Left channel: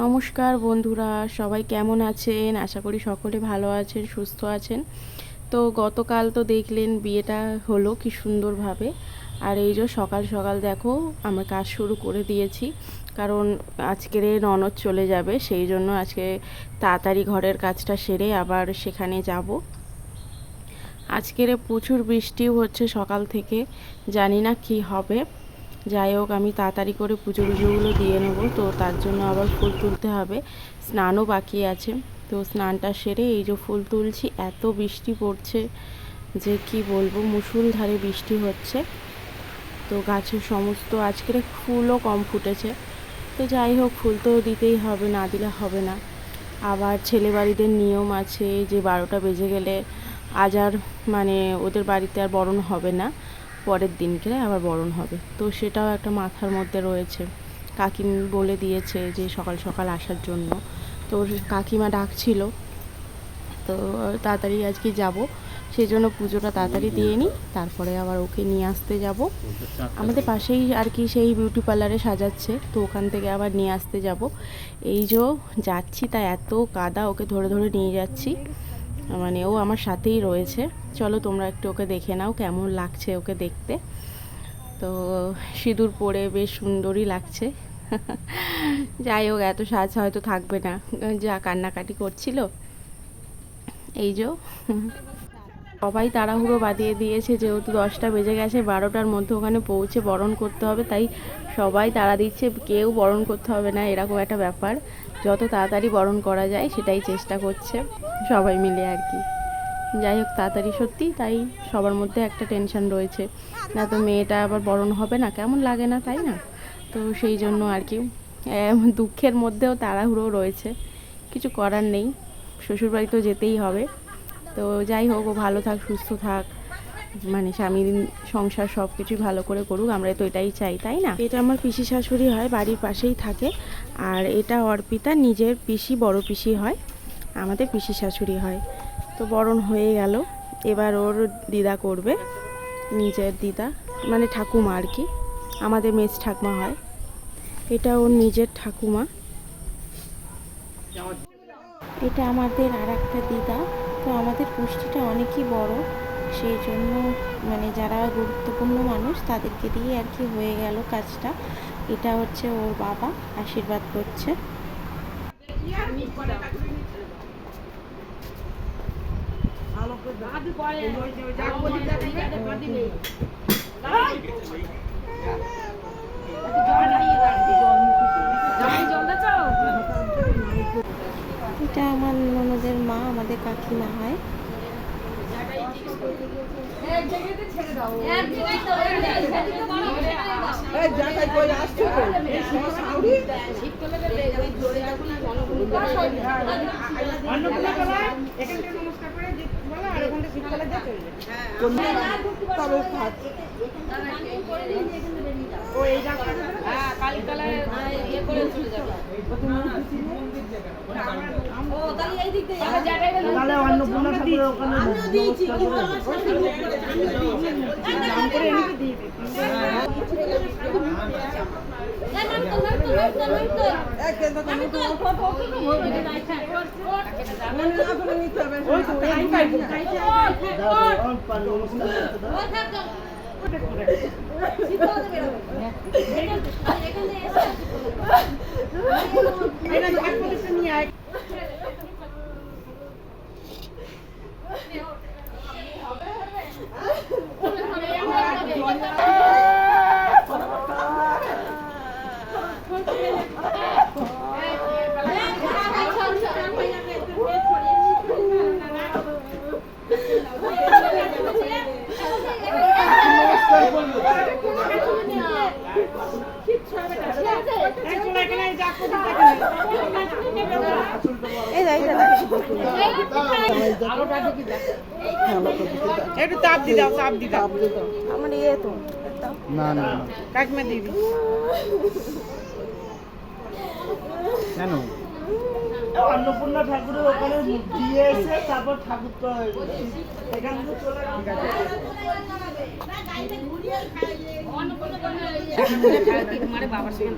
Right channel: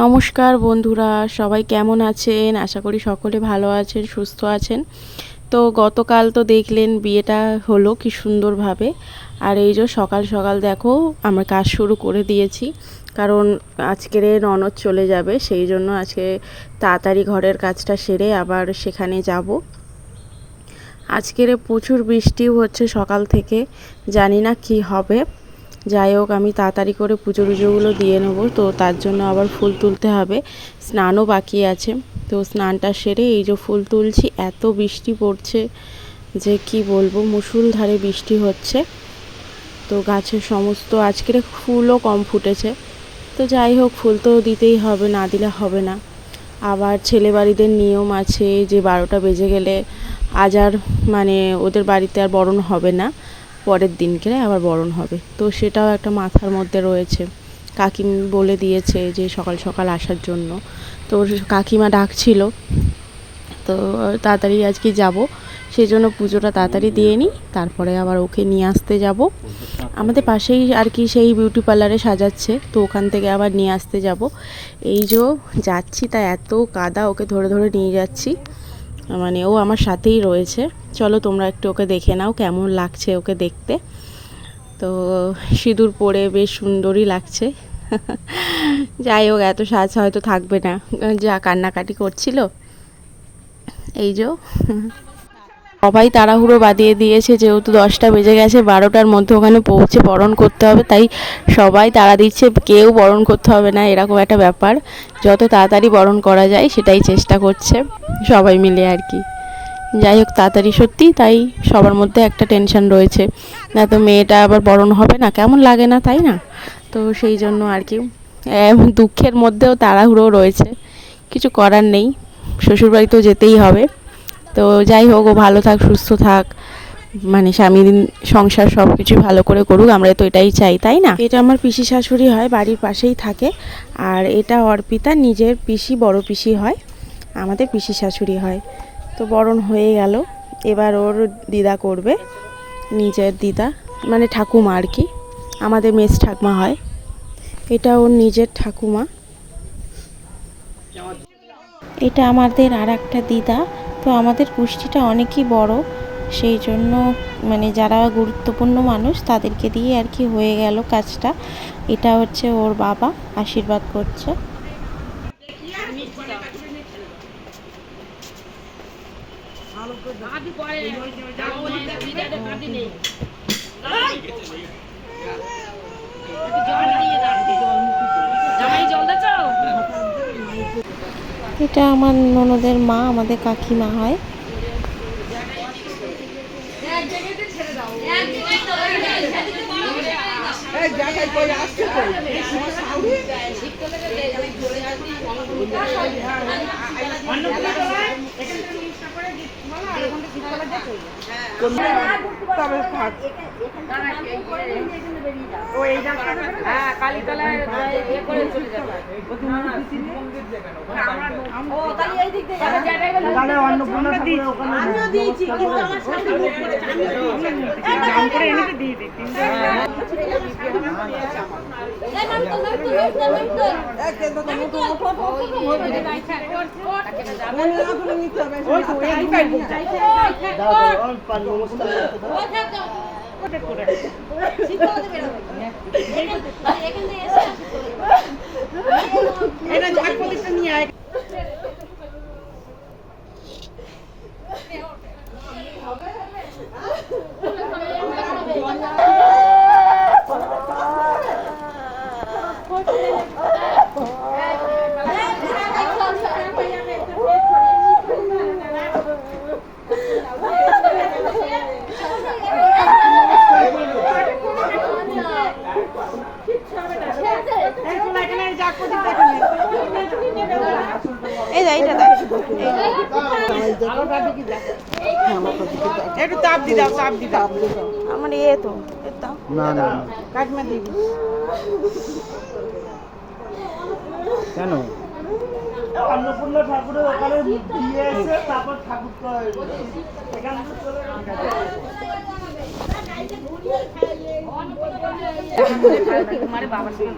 নমস্কার বন্ধুরা, সবাই কেমন আছেন? আশা করি সকলে ভালো আছেন, সুস্থ আছেন। তো গতকাল তো দেখলেন বিয়েটা হলো কি সুন্দরভাবে। আর এই যে সকাল সকাল দেখো, আমরা কাজ শুরু করে দিয়েছি। কারণ আজকের ননদ চলে যাবে, সেই জন্য আজকে তাড়াতাড়ি ঘরের কাজটা সেরে আবার সেখানে যাব। আজকের প্রচুর বৃষ্টিও হচ্ছে সকাল থেকে, জানি না কি হবে। যাই হোক, আমি তাড়াতাড়ি করে পুজো পুজোগুলো দিয়ে নেব। তো তার জন্য আবার ফুল তুলতে হবে। স্নানও বাকি আছে। তো স্নানটা সেরে এই যে ফুল তুলছি, এত বৃষ্টি পড়ছে যে কি বলব মুসুলধারে বৃষ্টি হচ্ছে। তো গাছের সমস্ত আজকের ফুলও কম ফুটেছে। তো যাই হোক, ফুল তো দিতেই হবে, না দিলে হবে না। আবার ছেলে বাড়িদের নিয়ম আছে যে বারোটা বেজে গেলে আজ আর মানে ওদের বাড়িতে আর বরণ হবে না। পরের দিনকে আবার বরণ হবে। তো সেটাও একটা মাথার মধ্যে রয়েছে। কাকিম বলে দিয়েছে যে সকাল সকাল আসার জন্য। তো কাকিমা ডাকছিল। তো তাড়াতাড়ি আজকে যাব। সেই জন্য পুজোটা তাড়াতাড়ি দিয়ে নিই। তারপরে আবার ওকে নিয়ে আসতে যাব। আমাদের পাশেই আর কি সেই বিউটি পার্লারে সাজাচ্ছে। তো ওখান থেকে আবার নিয়ে আসতে যাব। এই যে যাচ্ছি, তা এত কাদা ওকে ধরে ধরে নিয়ে যাচ্ছি। মানে ও আমার সাথেই রয়েছে। চলো তোমরা একটু ওকে দেখে নাও, কেমন লাগছে ওকে দেখতে। তো সিঁদুর পরে বেশ সুন্দরই লাগছে। যাই হোক, এত সাজ হয়তো থাকবে না। যা কান্নাকাটি করছিল। এই যে সবাই তাড়াহুড়ো বাদিয়ে দিয়েছে, যেহেতু দশটা বেজে গেছে, বারোটার মধ্যে ওখানে পৌঁছে বরণ করতে হবে, তাই সবাই তাড়া দিচ্ছে, কেউ বরণ করতে হবে না, এরকম একটা ব্যাপার। যত তাড়াতাড়ি বরণ করা যায়, সেটাই চেষ্টা করছে সবাই মিলে আর কি। যাই হোক, তাড়াতাড়ি সত্যি, তাই সবার মধ্যে একটা টেনশন রয়েছে। না তো মেয়েটা আবার বরণ হবে না, কেমন লাগে না, তাই না? তো সেই জন্য আর কি। দুঃখের মধ্যেও তাড়াহুড়ো রয়েছে। কিছু করার নেই, শ্বশুরবাড়ি তো যেতেই হবে। তো যাই হোক, ও ভালো থাক, সুস্থ থাক। মানে স্বামীর সংসার সব কিছু ভালো করে করুক আমরা তো এটাই চাই, তাই না? এটা আমার পিসি শাশুড়ি হয়, বাড়ির পাশেই থাকে। আর এটা অর্পিতা, নিজের পিসি, বড় পিসি হয়। আমাদের পিসি শাশুড়ি হয়। তো বরণ হয়ে গেল। এবার ওর দিদা করবে, নিজের দিদা মানে ঠাকুমা আর কি। আমাদের মেস ঠাকুমা হয়। এটা ওর নিজের ঠাকুমা। এটা আমাদের আর একটা দিদা। তো আমাদের পুষ্টিটা অনেকই বড়। সেই জন্য মানে যারা গুরুত্বপূর্ণ মানুষ, তাদেরকে দিয়ে আর কি হয়ে গেল কাজটা। এটা হচ্ছে ওর বাবা আশীর্বাদ করছে। এটা আমার ননদের মা আমাদের কাকিমা হয়। হ্যাঁ আমিও দিয়েছি কিন্তু আমার এনেকে দিয়ে দিই নিয়ে আয় এখানে যা করি দেখেন এই যা এইটা একটু তাপ দি দাও তাপ দি দাও। আমার ইয়ে তো না না না। দিবি। কেন? অন্নপূর্ণা ঠাকুরের ওখানে দিয়ে এসে তারপর ঠাকুর করা এখান থেকে চলে তোমার বাবার সঙ্গে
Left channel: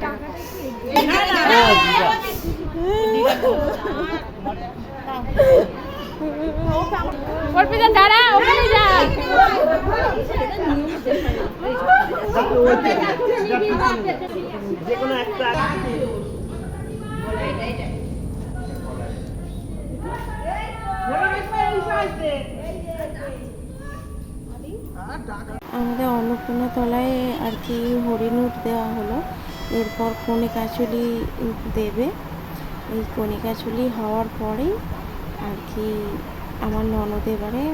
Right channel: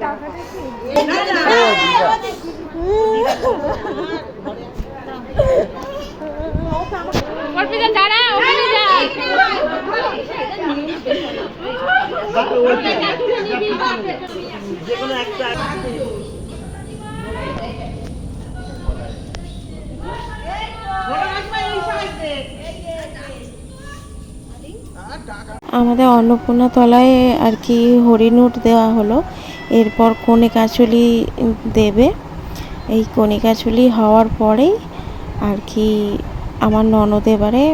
না না। আমাদের অন্নপূর্ণা তলায় আর কি হরিণুট দেওয়া হলো। এরপর কনে কাঁচুলি দেবে। এই কনে কাঁচুলি হওয়ার পরেই আর কি আমার ননদ এবারে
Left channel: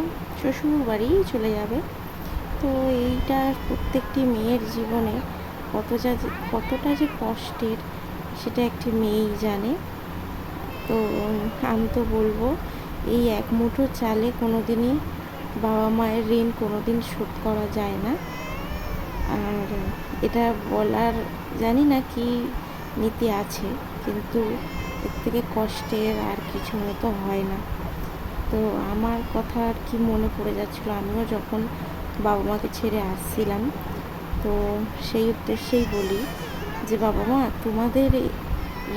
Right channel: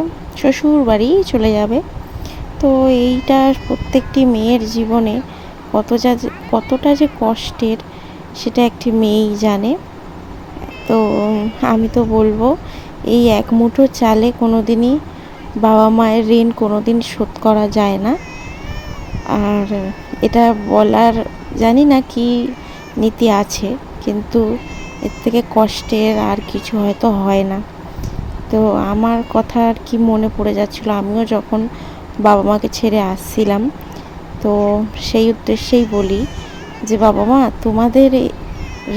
শ্বশুর বাড়ি চলে যাবে। তো এইটা প্রত্যেকটি মেয়ের জীবনে কত যা কতটা যে কষ্টের সেটা একটি মেয়েই জানে। তো আমি তো বলব, এই এক মুঠো চালে কোনো দিনই বাবা মায়ের ঋণ কোনো দিন শোধ করা যায় না। আর এটা বলার জানি না কি নীতি আছে, কিন্তু এর থেকে কষ্টের আর কিছু হয়তো হয় না। তো আমার কথা আর কি মনে পড়ে যাচ্ছিল, আমিও যখন বাবা মাকে ছেড়ে আসছিলাম, তো সেই উদ্দেশ্যেই বলি যে, বাবা মা, তোমাদের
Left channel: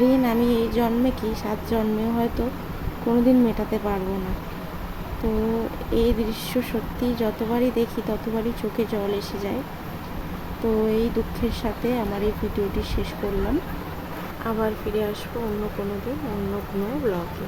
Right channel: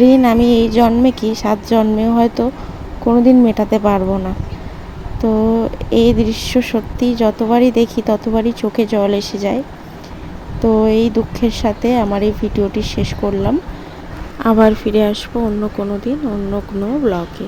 ঋণ আমি এই জন্মে কি, সাত জন্মেও হয়তো কোনো দিন মেটাতে পারব না। তো এই দৃশ্য সত্যি যতবারই দেখি, ততবারই চোখে জল এসে যায়। তো এই দুঃখের সাথে আমার এই ভিডিওটি শেষ করলাম। আবার ফিরে আসব অন্য কোনো দিন অন্য কোনো ব্লগে।